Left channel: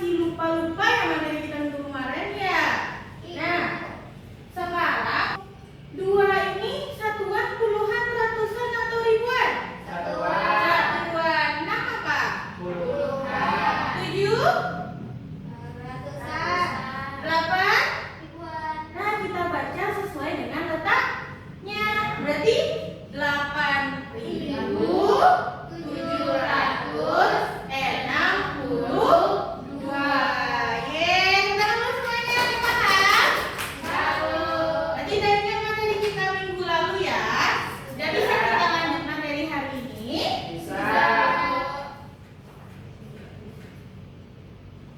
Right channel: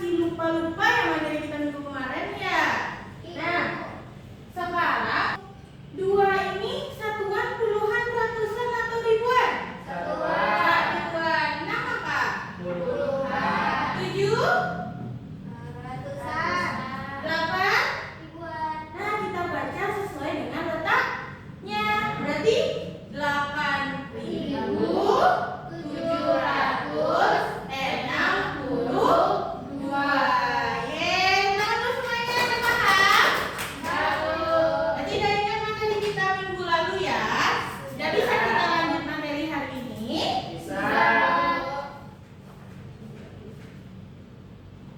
masih lupa-lupa ya materi kita minggu kemarin ya? Nah, sekarang dua ini satuan, puluhan, ratusan atau ribuan? Satuan. Enam apa? Puluhan. 7? Ratusan. 8? Ribuan. Nah, kita baca sesuai dengan letaknya. Berarti 8.762. Yeay, teman-teman semuanya ada paham? Berarti udah ingat materi kita minggu lalu ya? Udah bisa kita lanjut materi hari ini? Bisa.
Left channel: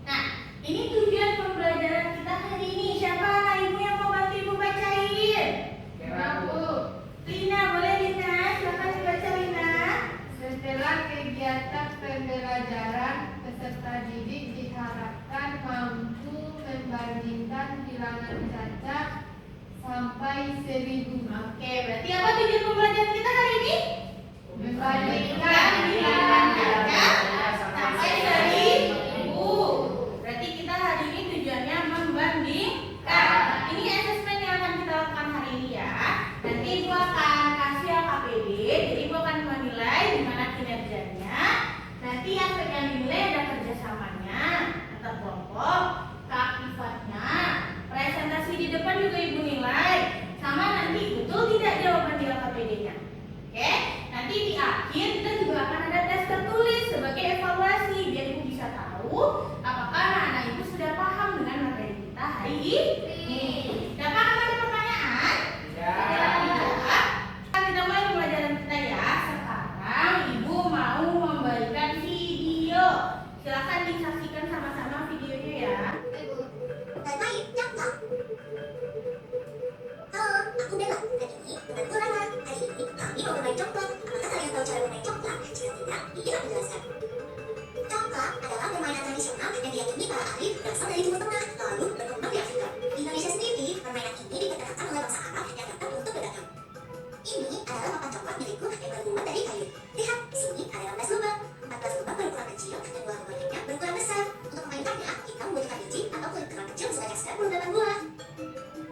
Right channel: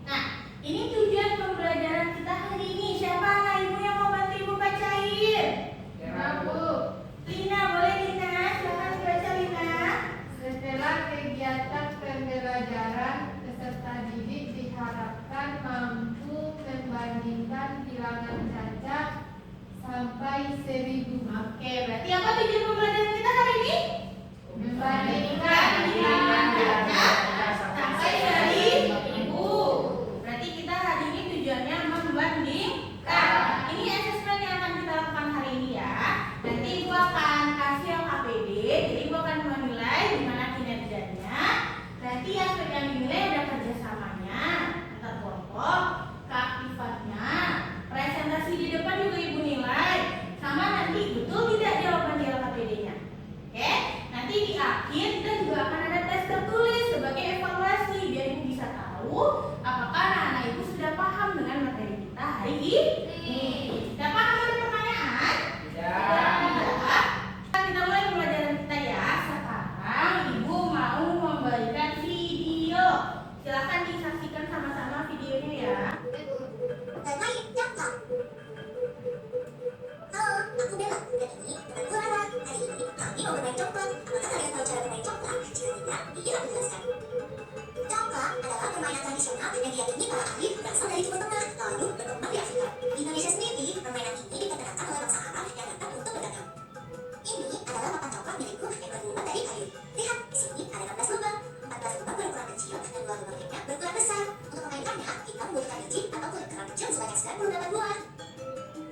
Nah, ini tujuan pembelajaran kita hari ini. Siapa anak ibu yang mau bantu ibu bacain? Lina, boleh Lina? Silakan dibaca Lina. Setelah kegiatan pembelajaran, peserta didik diharapkan mampu membandingkan bilangan cacat sampai 1000. Oke, berarti apa tujuan pembelajaran kita hari ini? Membandingkan bilangan bilangan cacat sampai 1000. Berarti kita hari ini tujuannya membandingkan. Ini asesmen yang akan kita lakukan hari ini ya. Nanti ibu akan kasih LKPD, jadi ibu akan menilai gimana kinerjanya. Nanti yang pegang nilai ada kerjasamanya antar kelompok, keaktifannya, presentasi di depan juga ibu nilai, sama nanti betul tidak jawaban di LKPD-nya. Oke, nanti di akhir kita juga akan ada tes tertulis sebagai evaluasi biar ibu bisa tahu apakah anak-anak ibu sudah paham dengan materi kita hari ini. Sudah paham, ada pertanyaan? Tidak. Kita mulai pembelajaran kita ya. Sekarang ibu mau memberikan video. Silakan disaksikan sama-sama videonya ya. Bermain coklat. Halo, aku Bella. Dan ini temanku Rara. Hari ini kami mau bermain coklat. Apakah kalian tahu cara bermain coklat? Jika tidak, ini aku jelaskan. Coklat adalah permainan tradisional yang diakini para ahli berasal dari Timur Tengah, lalu berkembang di Afrika. Di Indonesia sendiri, permainan ini diperkenalkan oleh bangsa Arab yang datang untuk berdagang. Ini adalah papan coklat milikku yang terbuat dari kayu. Lihat, di sini ada 16 lubang. 14 lubang berukuran kecil dan 2 lubang lainnya berukuran besar. Untuk memainkannya, kita membutuhkan biji atau kulit kerang kecil sebanyak 98 buah.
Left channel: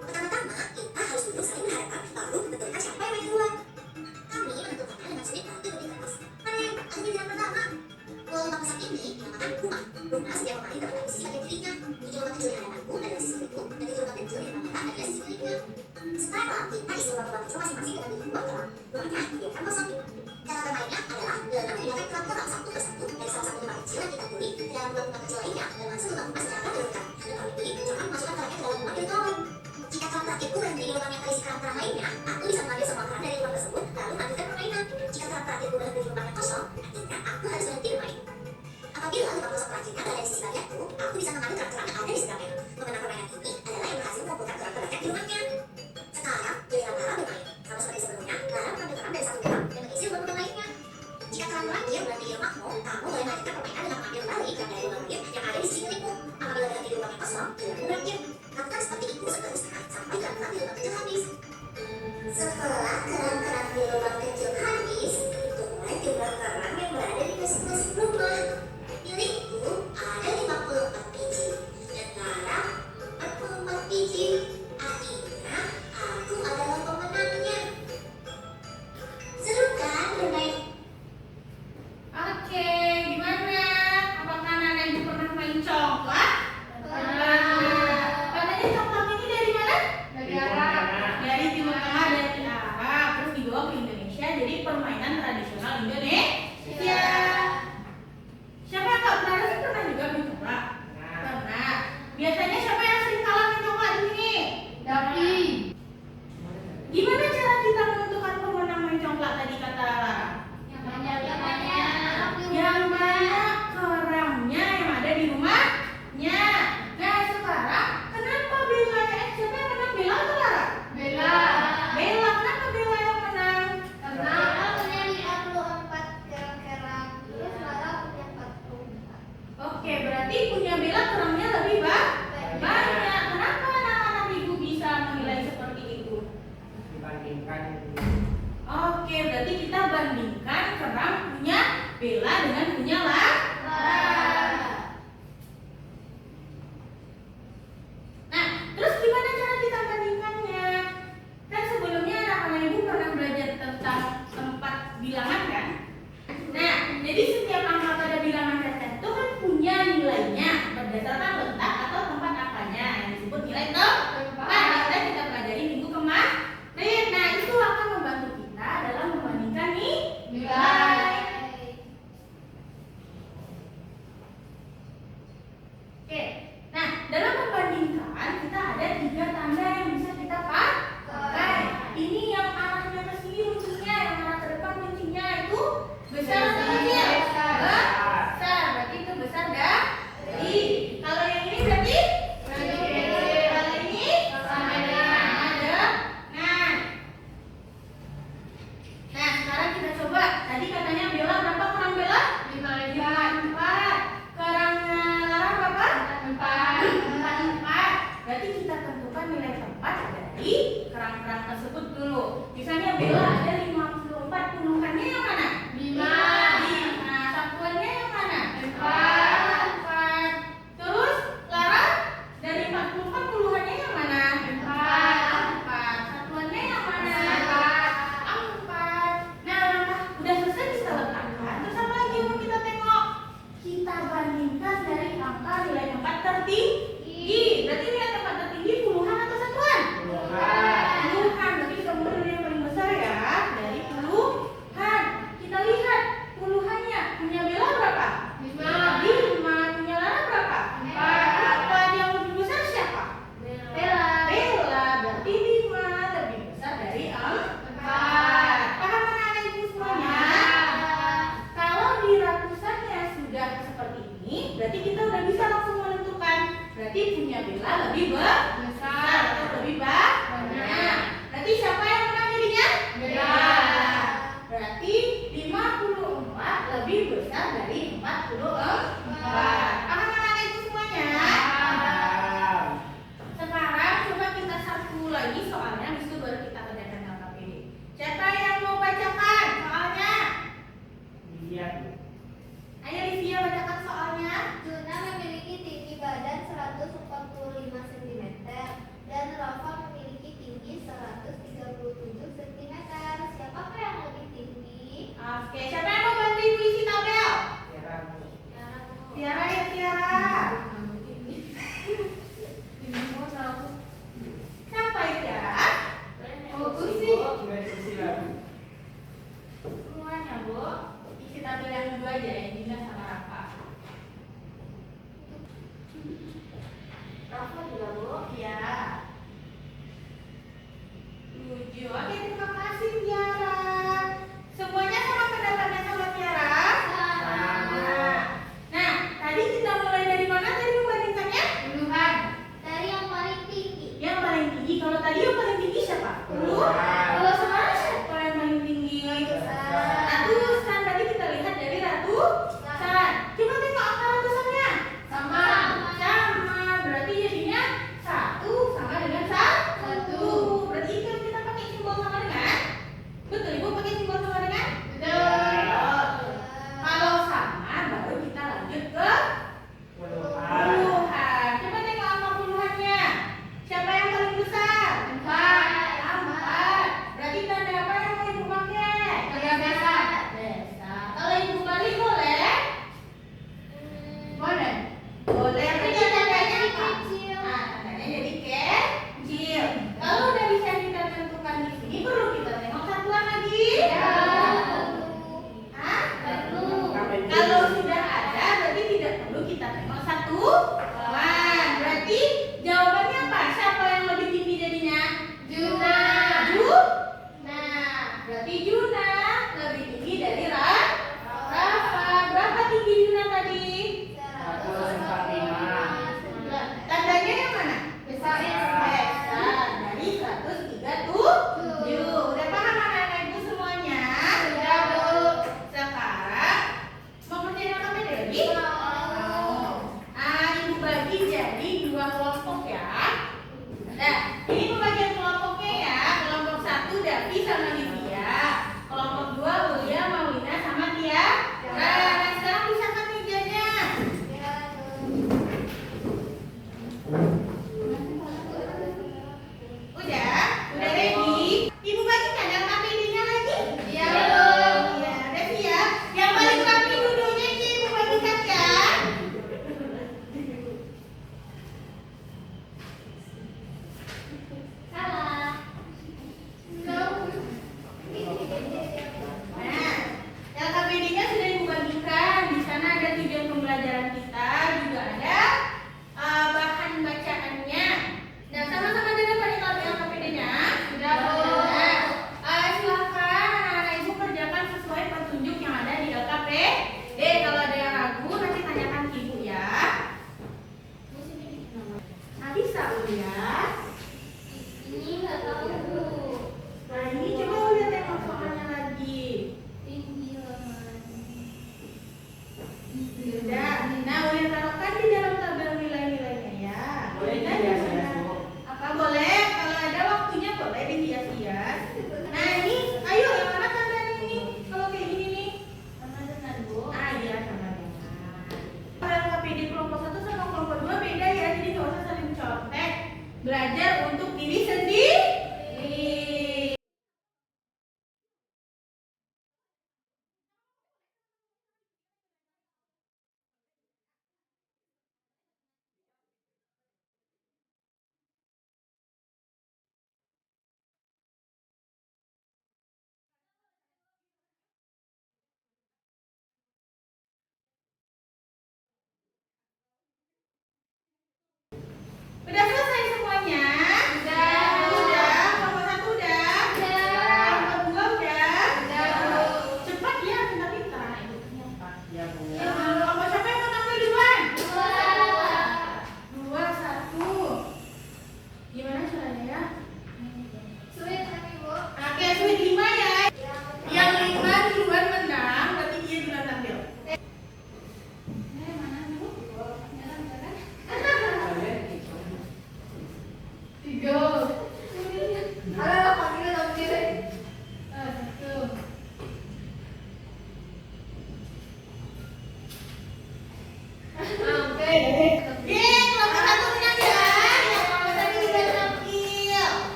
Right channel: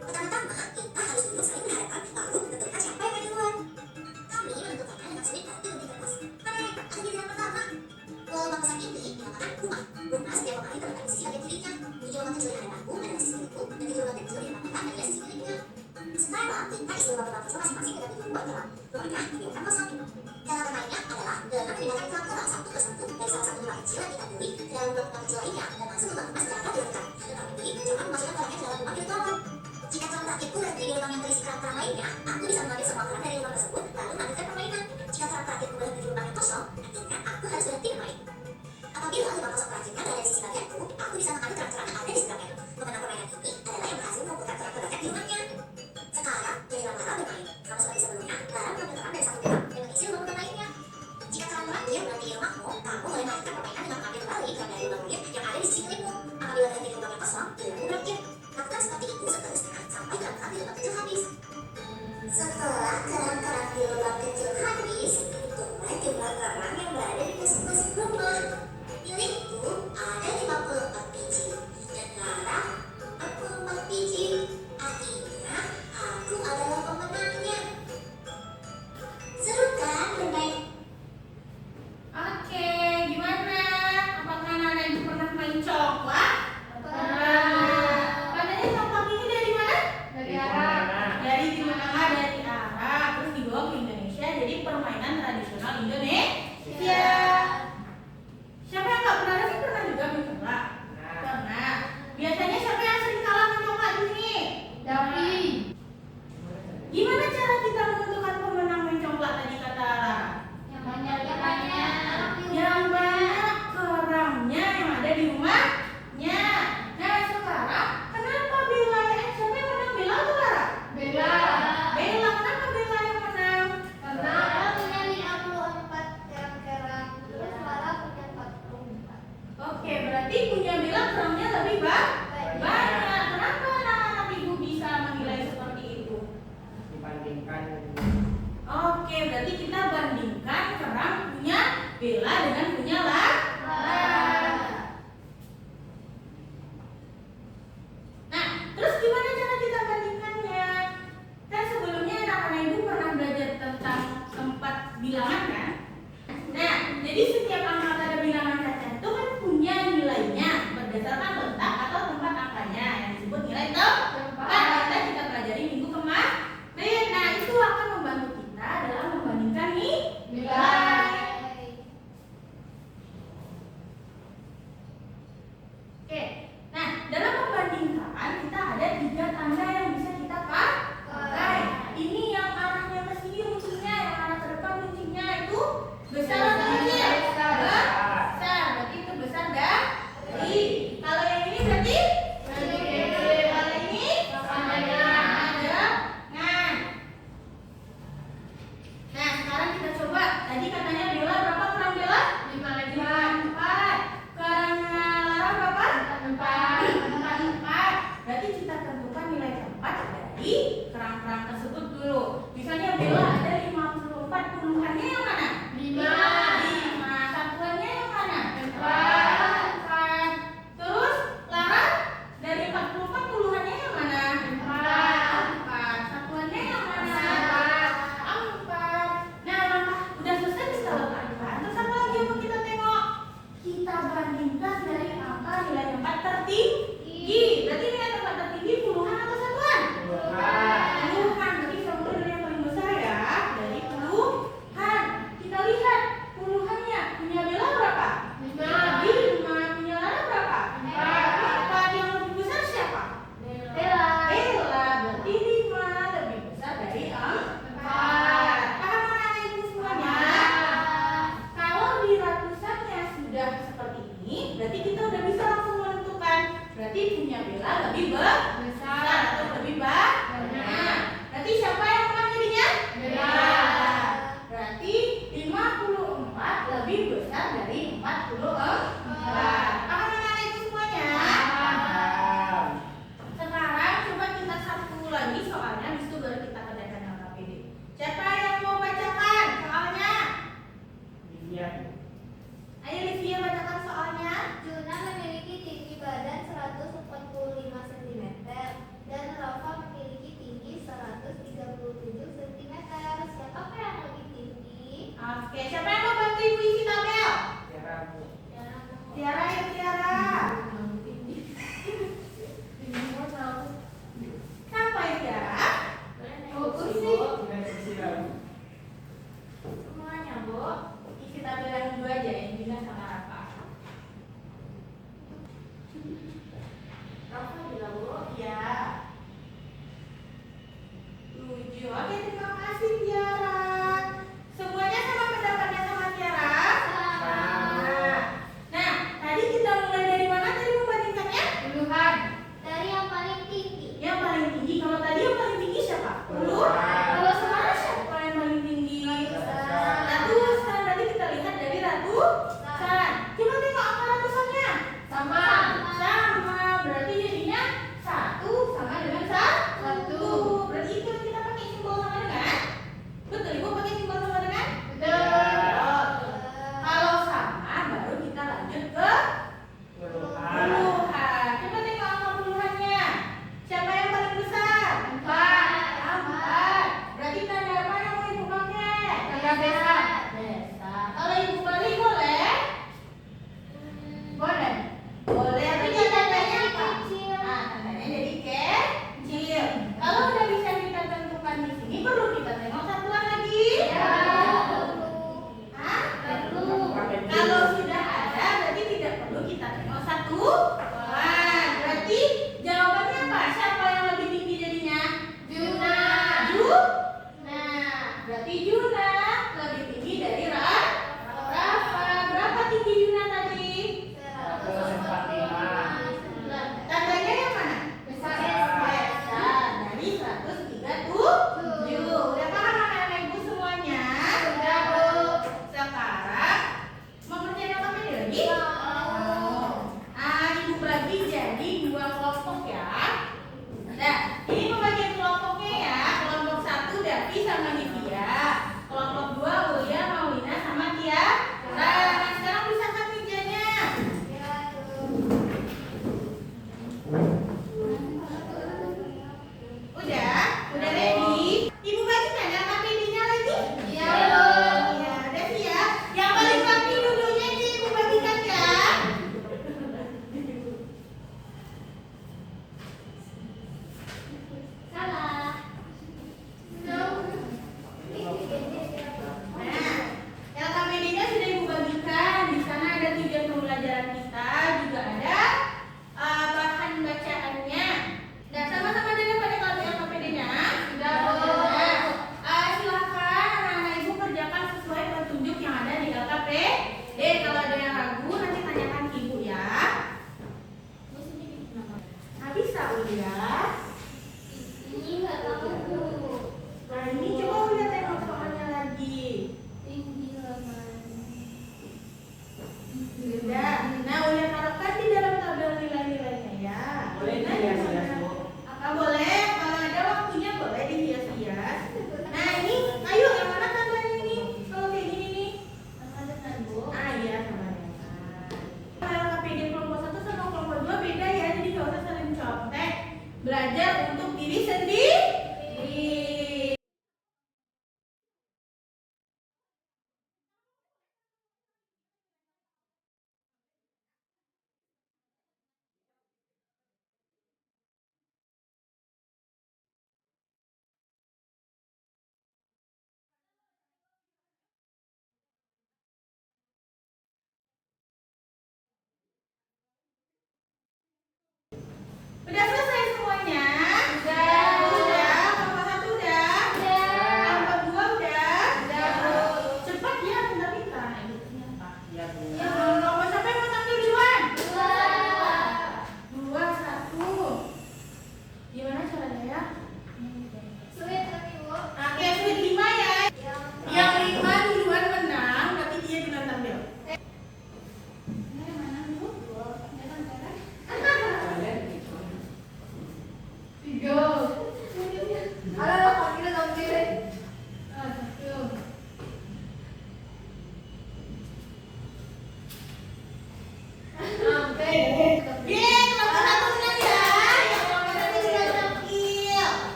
Pertama-tama, kita harus duduk saling berhadapan, lalu tentukan siapa yang main duluan. Kami menentukannya dengan seni kreatif di kertas. Mari, aku giliran pertama. Lubang besar ini dinamakan rumah. Rumah setiap pemain terletak di sisi bagian kirinya. 7 lubang kecil di hadapanku adalah sisi milikku, dan 7 lubang kecil di depan mata adalah sisi miliknya. Sekarang, kita isi lubang kecil masing-masing dengan biji botol. Rumahnya dibiarkan kosong. Cara bermainnya adalah dengan memindahkan kelompok satu persatu dari salah satu lubang kecil yang kita pilih ke dalam lubang kecil lainnya dan masuk lubang emas secara berurutan. Kalau ini, jangan masukkan kerangnya ke dalam lubang milik lawan. Jika kerang terakhirku berhenti di lubang yang terisi kerang-kerang lainnya, aku bisa mengambil semua kerang dari lubang tersebut lalu melanjutkan permainan. Jika kerang terakhirku berhenti di lubang yang kosong, artinya aku harus berhenti bermain. Apabila lubang kosong terakhirnya berada di sisi bagianku, aku bisa mengambil kerang-kerang yang ada di seberangnya. Pemenang permainan ini adalah yang berhasil mengumpulkan kerang terbanyak di rumahnya. Sekarang, giliran Lara bermain. Sama seperti sebelumnya, Lara mengambil kerang dari satu kerang dan 4. Berarti kita tentukan nilai tempat dari kerang-kerang tersebut dulu. Misalnya Bella ada 54, puluhannya yang mana? 5. Satuannya yang mana? 4. Terus Lara dari 44, puluhannya yang mana? 4. Satuannya yang mana? 4. Nah, langkah udah selesai kita letakkan. Terus apa lagi yang mau kita tengok? Kita bandingkan dari angka nilai tempat tertinggi. Berarti nilai tempat tertinggi puluhan atau satuan? Puluhan. Berarti kita mulai dari yang paling besar ya. Dari puluhan. Kita lihat puluhannya. Punya Bella berapa? 5. Punya Lara berapa? 4. Yang lebih besar siapa? Bella. Berarti 5 lebih besar dari 4. Paham anak-anak ibu semuanya? Kalau di ratusannya sudah seperti ini, berarti kita udah bisa langsung menentukan. Berarti punya Bella lebih besar atau lebih banyak. Berarti siapa yang menang jadinya? Bella. Berarti 54 lebih besar dari 44. Paham anak-anak ibu semuanya? Sekarang coba kita satu lagi soalnya, habis itu baru kita kerjakan LKPD. Siapa yang mau bacakan soalnya? Ayo Livia bacakan soalnya. Juna memiliki tinggi badan 145 cm dan Rafa memiliki tinggi 137 cm. Siapakah yang lebih tinggi? Oke, siapa yang mau bantu ibu isi tabel? Tiara ya Tiara. Siapa ya Tiara? Semuanya Bu. Isi tabel yang dua aja, yang Dina sama Rafa. Rafa juga Bu? Iya. 7. Oke, terima kasih Tiara. Semuanya sama pendapatnya sama Tiara? Nah, tadi kita mulai dari mana tadi membandingkannya? Puluhan. Dari yang paling tinggi. Yang paling tinggi. Kalau tadi yang paling tinggi siapa? Kalau sekarang siapa yang paling tinggi? Ratusan. Tadi kita lihat dari ratusan. Coba tengok angka ratusannya. Sama. Berarti jadinya 1 sama dengan 1. Berarti kalau kita pakai simbol sama dengan? Betul Ibu, pakai simbol sama dengan? Betul. Kalau sama baru kita lanjut ke puluhan. Coba tengok angka puluhannya. Siapa yang paling besar? 4. Berarti tanda apa yang mau Ibu pakai? Tanda besar. Kalau Ibu balik boleh? Boleh. Tapi tandanya apa? Kecil. Tandanya jadi kecil. Kalau udah bisa kita tentukan di sini, perlu kita tengok satuan lagi? Perlu. Kalau sudah ada, berarti tidak perlu kita tengok satuan. Berarti jawabannya apa? Siapa yang lebih tinggi jadinya? Juna. Berarti Juna lebih tinggi dari Rafa. Berapa tinggi Juna tadi? 145. Tandanya yang mana? Besar. Dari 137. Udah paham anak-anak ibu semuanya? Sudah Bu. Sekarang mau kerjain apa beda lagi? Ibu bagi jadi 2 kelompok ya. Nah, ini pembagian kelompoknya ya. Kelompok 1 Davi sama Livia. Kelompok 2 Ulia, Maulina sama Tiara. Nah, sekarang bisa kan kerjanya? Udah ready? Ibu bagikan yang KPD-nya lagi? Iya. Iya, udah siap. Yang paling rapi duduknya itu Ibu bagikan ya. Salah. Nah, LKPD-nya sudah Ibu bagikan. Di sana ada tujuan pembelajaran kita, juga ada bahan bacaannya. Nah, sama-sama dengan LKPD-nya. Sudah Bu. Silakan anak-anak Ibu kerjakan sesuai petunjuk yang ada di LKPD. Kalau ada yang ragu, nanti tanyakan ke Ibu ya. Bisa Ulia? Ini nggak tahu Bu. Nah, ini coba Ulia tengok soalnya lagi. Tinggi Sudah. Nah, Ulia taruhkan di dalam tabel nilai-nilai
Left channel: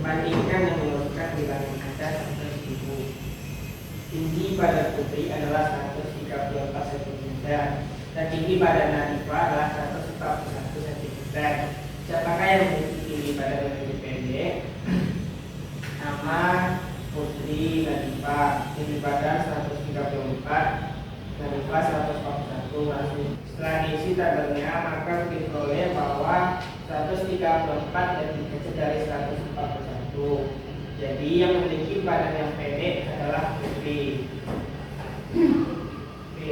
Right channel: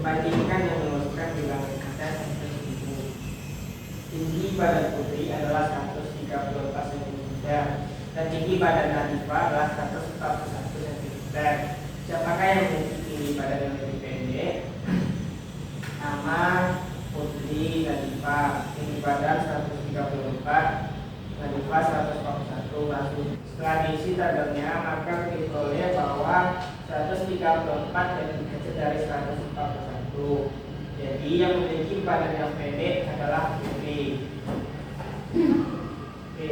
Bandingkan yang menurutkan bilangan kaca 100.000. Tinggi badan Putri adalah 134 cm dan tinggi badan Nadifa adalah 141 cm. Siapakah yang memiliki tinggi badan yang lebih pendek? Nama Putri Nadifa, tinggi badan 134, Nadifa 141. Setelah diisi tabelnya, maka diperoleh bahwa 134 lebih kecil dari 141. Jadi yang memiliki badan yang pendek adalah Putri. Oke.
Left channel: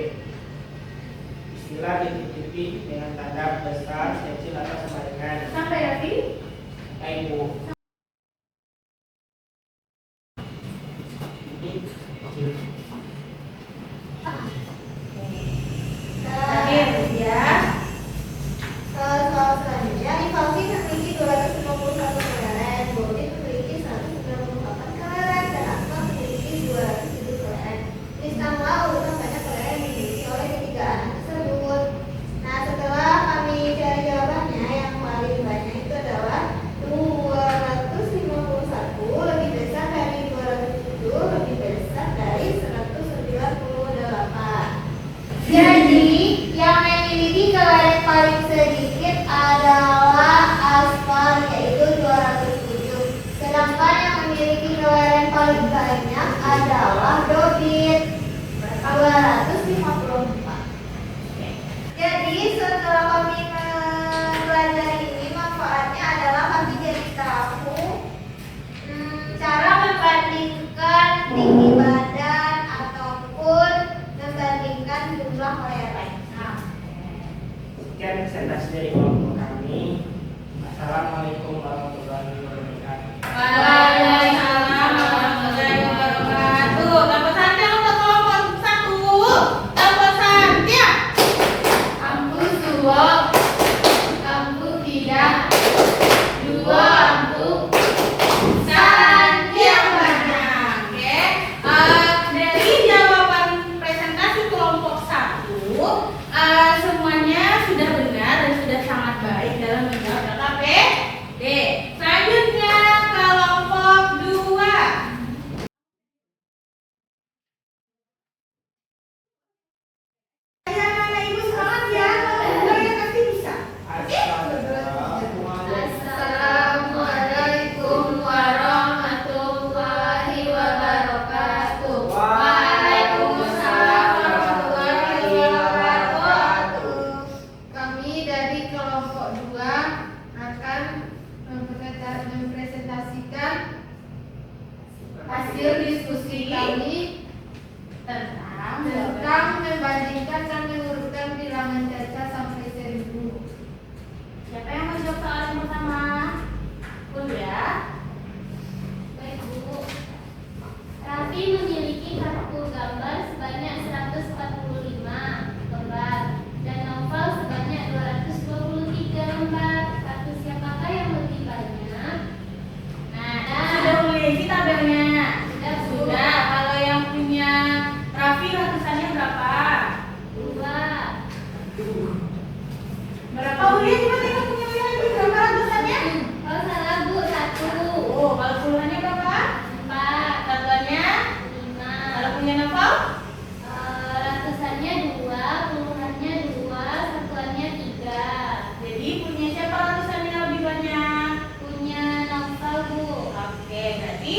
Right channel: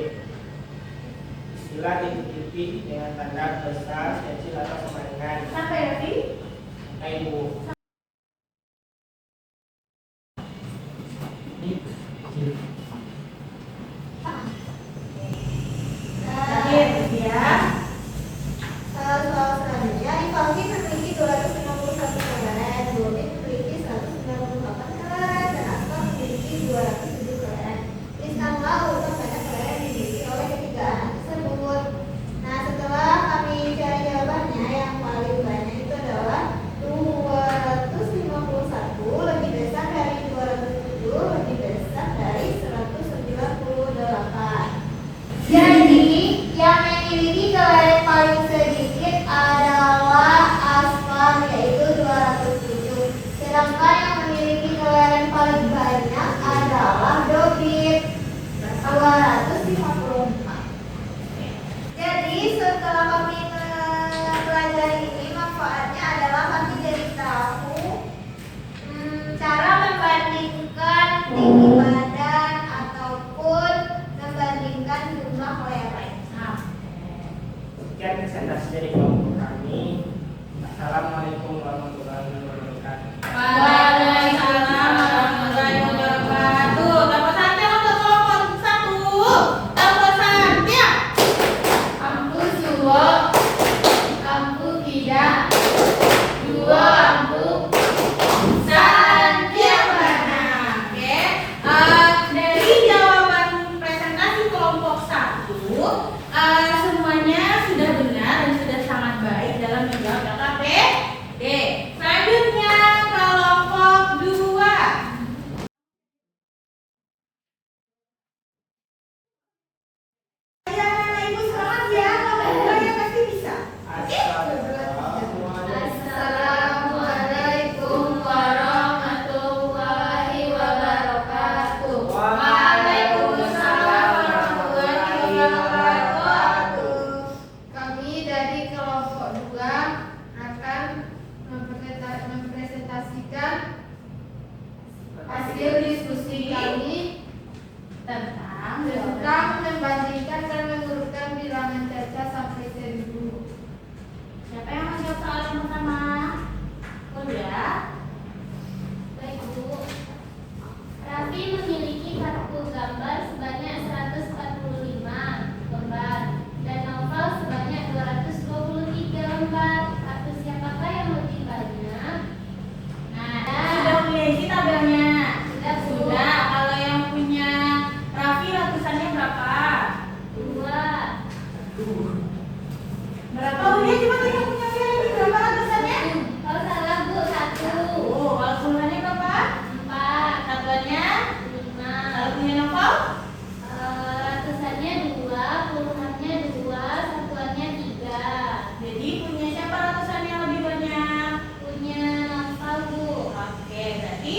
Istilah titik-titik dengan tanda besar, kecil atau sama dengan. Sampai Raffi? Ibu. Terakhir ya. Soal selanjutnya, Ivaldi memiliki 251 kelereng, Bobi memiliki 198 kelereng, dan Asma memiliki 207 kelereng. Tuliskanlah urutan banyak kelereng yang dimiliki oleh ketiga anak tersebut. Nah, setelah kami cari jawabannya, yang paling banyak itu adalah 251 lebih besar dari 207 lebih besar dari 198. Jadi, yang memiliki kelereng paling sedikit adalah Asfar, yaitu 207. Sedangkan yang memiliki kelereng paling banyak adalah Dobit, 254. Jadi, setelah kami mempelajari ini, manfaatnya adalah kami jadi tahu cara membandingkan tinggi badan ataupun membandingkan jumlah kelereng. Sekian presentasi dari kelompok kami. Assalamualaikum warahmatullahi wabarakatuh. Waalaikumsalam warahmatullahi wabarakatuh. Dapat santiang untuk kelompok 1. Dapat santiang. Ampu suwo, ampu tidak, dua ampu. Santiang banyak. Oke. Dari jawaban presentasi kelompok 1, semuanya sudah benar dan sudah sangat baik dalam menjawab LKPD. Selanjutnya kelompok 2. Ya, mana ibu semangat ya, kalau 2 ya pasti bisa. Assalamualaikum warahmatullahi wabarakatuh. Waalaikumsalam warahmatullahi wabarakatuh. Kami dari kelompok 2 akan mempresentasikan hasil diskusi kami tentang membandingkan dan mengurutkan bilangan caca sampai 1000. Siapa yang menjawab soal yang pertama? Ya. Baik, Bu. Raffi memiliki kartu gambar sebanyak 145 lembar dan novel sebanyak 223 lembar. Kartu siapakah yang lebih banyak? Nah, sudah mulai isi tabelnya. Sudah, Bu. Sudah. Kalau yang punya Raffi ratusannya berapa? 2. Berapa? Oh, dia cuma yang punya Raffi berapa ratusannya? Oh, salah, Bu. 1. Oh, kalau puluhannya berapa? 4. Satuannya? 5. Kalau punya novel? Ratusannya 2, puluhannya 2, satuannya 3. Jadi punya siapa ratusannya lebih banyak? Punya novel, Bu. Oke, berarti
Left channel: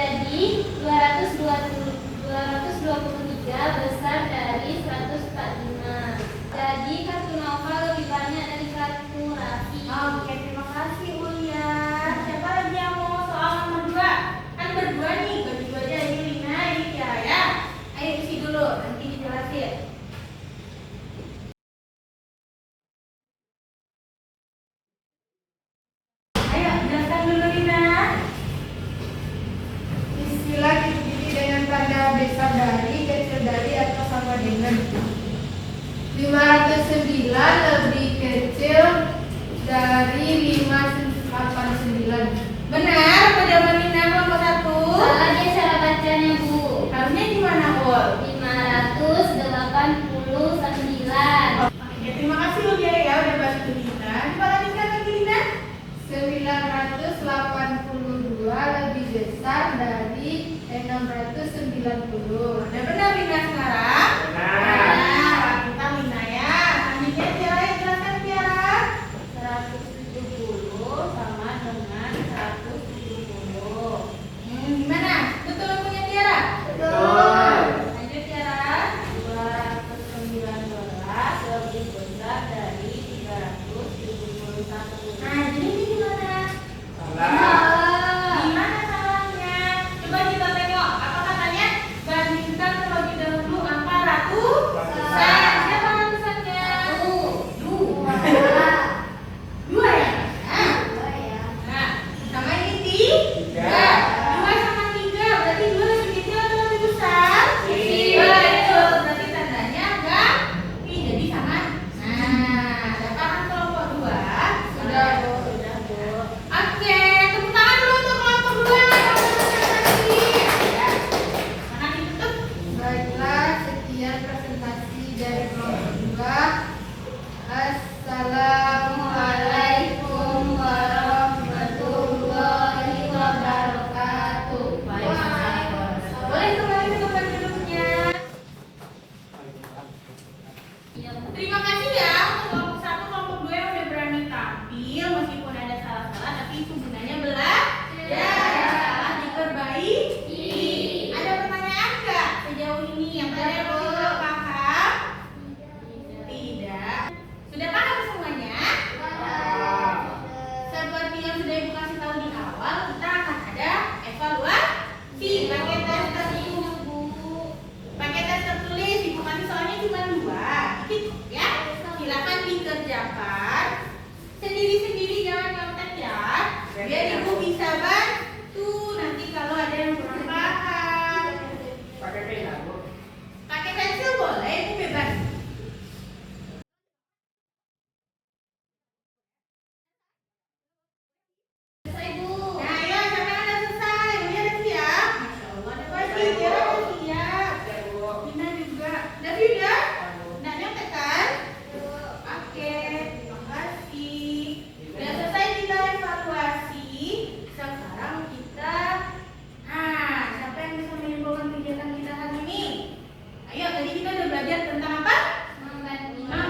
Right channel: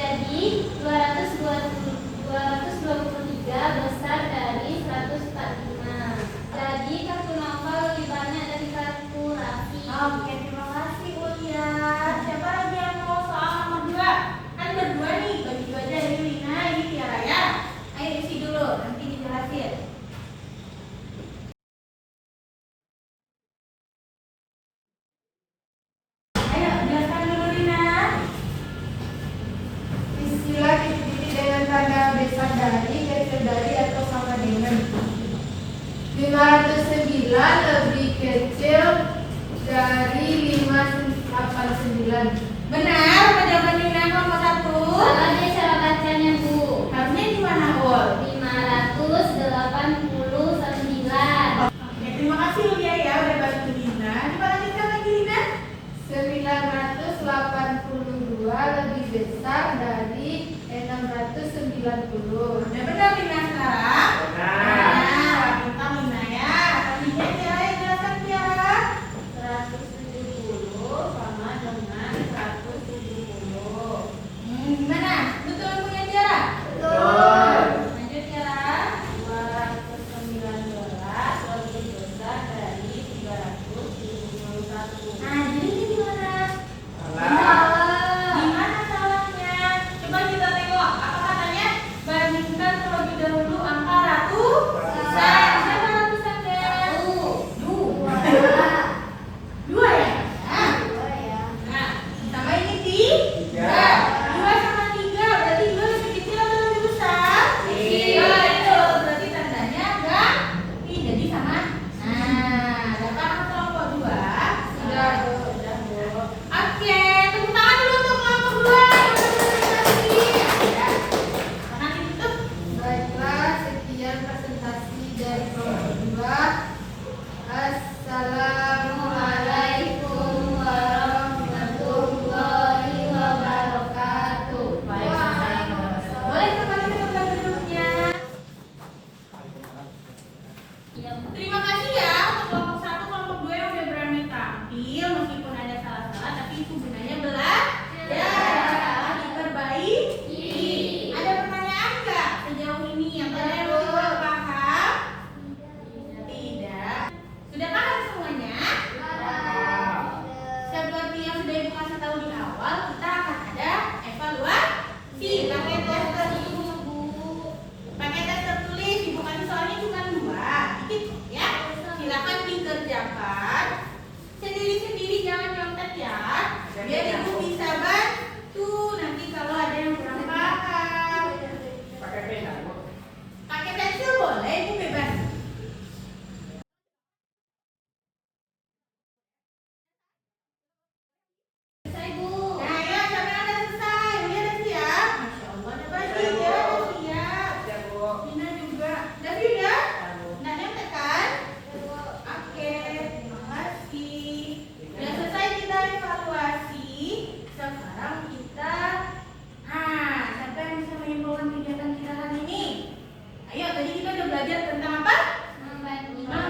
Jadi 223 besar dari 145. Jadi kartu novel lebih banyak dari kartu Raffi. oke, terima kasih Ulia. Siapa lagi yang mau soal nomor 2? Kan berdua nih, bagi aja. Ini Lina, ini Tiara ya. Ayo isi dulu, nanti dijelasin. Ayo, jelaskan dulu Lina. Istilah titik dengan tanda besar dari, kecil dari, atau sama dengan. 509 lebih kecil dari 589. Benar, apa jawaban Lina kelompok 1? Salah dia cara bacanya, Bu. Harusnya gimana, Ul? 589. Oke, terima kasih Ulia ya udah bantu Lina. Coba lanjutkan lagi Lina. 982 dari 690. Udah benar Lina sekarang? Benar. Nah, pintar Lina ya. Selanjutnya Tiara yang jelaskan Tiara. 170 sama dengan 170. Gimana? Betul punya Tiara? Betul. Lanjut Tiara. 219 lebih besar dari 371. Nah, jadi ini gimana? Salah. Gimana salahnya? Coba kita tengok. Apa katanya? Bandingkan terlebih dahulu angka ratusan. Siapa ratusannya? Dua. Dua ya? Nah, nah, sama ini tiga. Dua sama tiga, berarti dua lebih kecil atau lebih besar? Betul, berarti tandanya enggak. Ini jadi sama. Nah, dapatkan kelompok dua. Sudah, Bu. Sudah, Bu. Oke, tepuk tangan dulu untuk kelompok dua yang udah presentasi. Ya, mana ditutup? Baiklah, sekian presentasi dari kelompok 2. Assalamualaikum warahmatullahi wabarakatuh. Boleh kembali ke tempat duduknya. Terima kasih ya untuk kelompok 1, kelompok 2 yang udah berani tampil meskipun ada salah-salah, tapi itu gunanya belajar, salah diperbaiki. Ada pertanyaan nggak sejauh ini yang kalian masih nggak paham? Tidak. Sudah paham semuanya? Seperti yang sudah Ibu kasih tahu di awal, kita akan ada evaluasi pakai tes tertulis. Pakai tes tertulis, Ibu kasih soalnya cuma 2, dikit ya. Silakan dikerjakan sendiri-sendiri, jangan nyontek ya. Biar Ibu bisa bantu nanti kalau ada yang kurang paham. Pakai pena, Bu. Pakai pensil boleh, Ibu bebas. Nah, ayo siapa yang udah selesai? Udah Devi ya? Masya Allah, ada bagi ya, siap. Ya, Bu. Lina juga. Devi udah? Nggak nyontek kan? Oke, terima kasih. Udah selesai kita evaluasi. Sekarang kita, siapa yang bisa menyimpulkan kegiatan kita hari ini? Ayo, tadi kita udah belajar tentang apa? Membandingkan.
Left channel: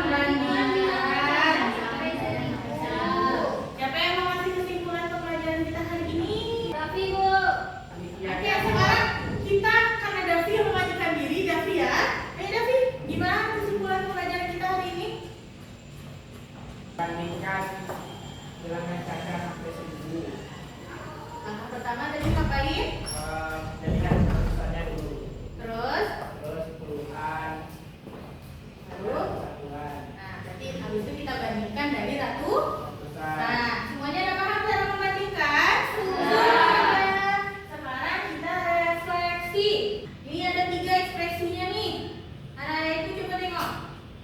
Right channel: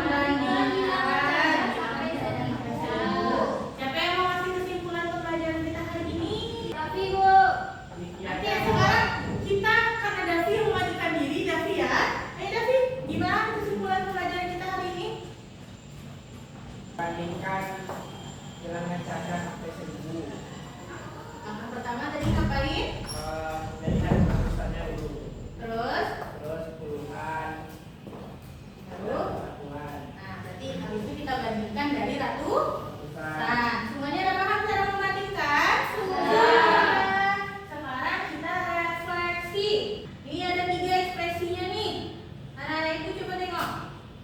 Siapa yang mau kasih kesimpulan ke pelajaran kita hari ini? Oke, sekarang kita karena Davi yang memajukan diri, Davi ya. Ayo Davi, gimana kesimpulan pelajaran kita hari ini? Bandingkan bilangan saja sampai 1000. Langkah pertama tadi ngapain? Jadi dari tulisannya dulu. Terus, Terus puluhan, lalu, satuan, nah berarti habis itu kita bandingkan dari ratusan. ratusan. Semuanya udah paham cara membandingkan? Sudah. Sekarang kita refleksi. Ini ada 3 ekspresinya nih. Anak-anak itu coba tengok.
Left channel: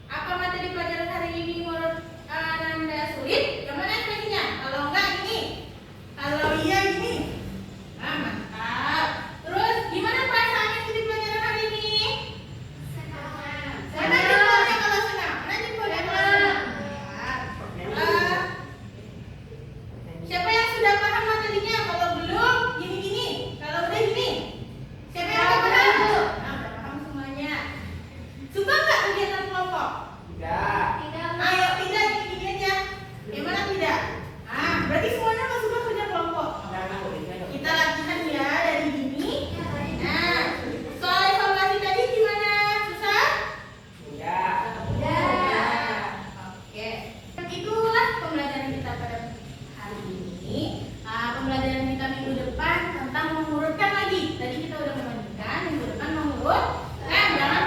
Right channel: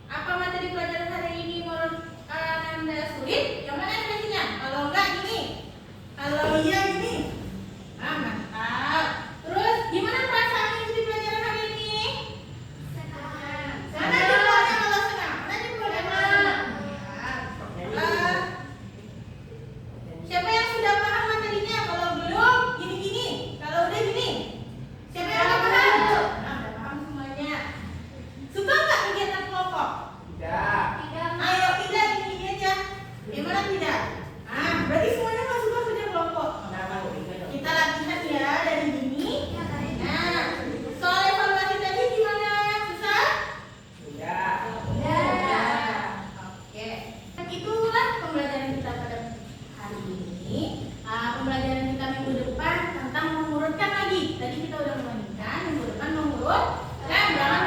Apa materi pelajaran hari ini menurut Anda sulit? Yang mana ekspresinya? Kalau enggak gini. Kalau iya gini. Nah, mantap. Terus gimana perasaannya di pelajaran hari ini? Mana jempolnya kalau senang? Mana jempolnya kalau senang? Nah, siapa yang sudah paham materinya? Kalau belum, gini-gini. Kalau udah gini. Siapa yang udah paham? Nah, udah paham semuanya. Suka nggak kegiatan kelompok? Tidak. Ayo tidak, gini-gini aja. Gimana tidak? Berarti semuanya nggak suka kerja kelompok. Jangan, Bu. Tidak. Kita latihan ya dari gini. Nah, soal evaluasi tadi gimana? Susah? Tidak. Oke. Itulah pembelajaran kita pada hari ini. Pembelajaran kita minggu depan tentang mengurutkan lagi. Tadi kita udah membandingkan, minggu depan mengurutkan. Jangan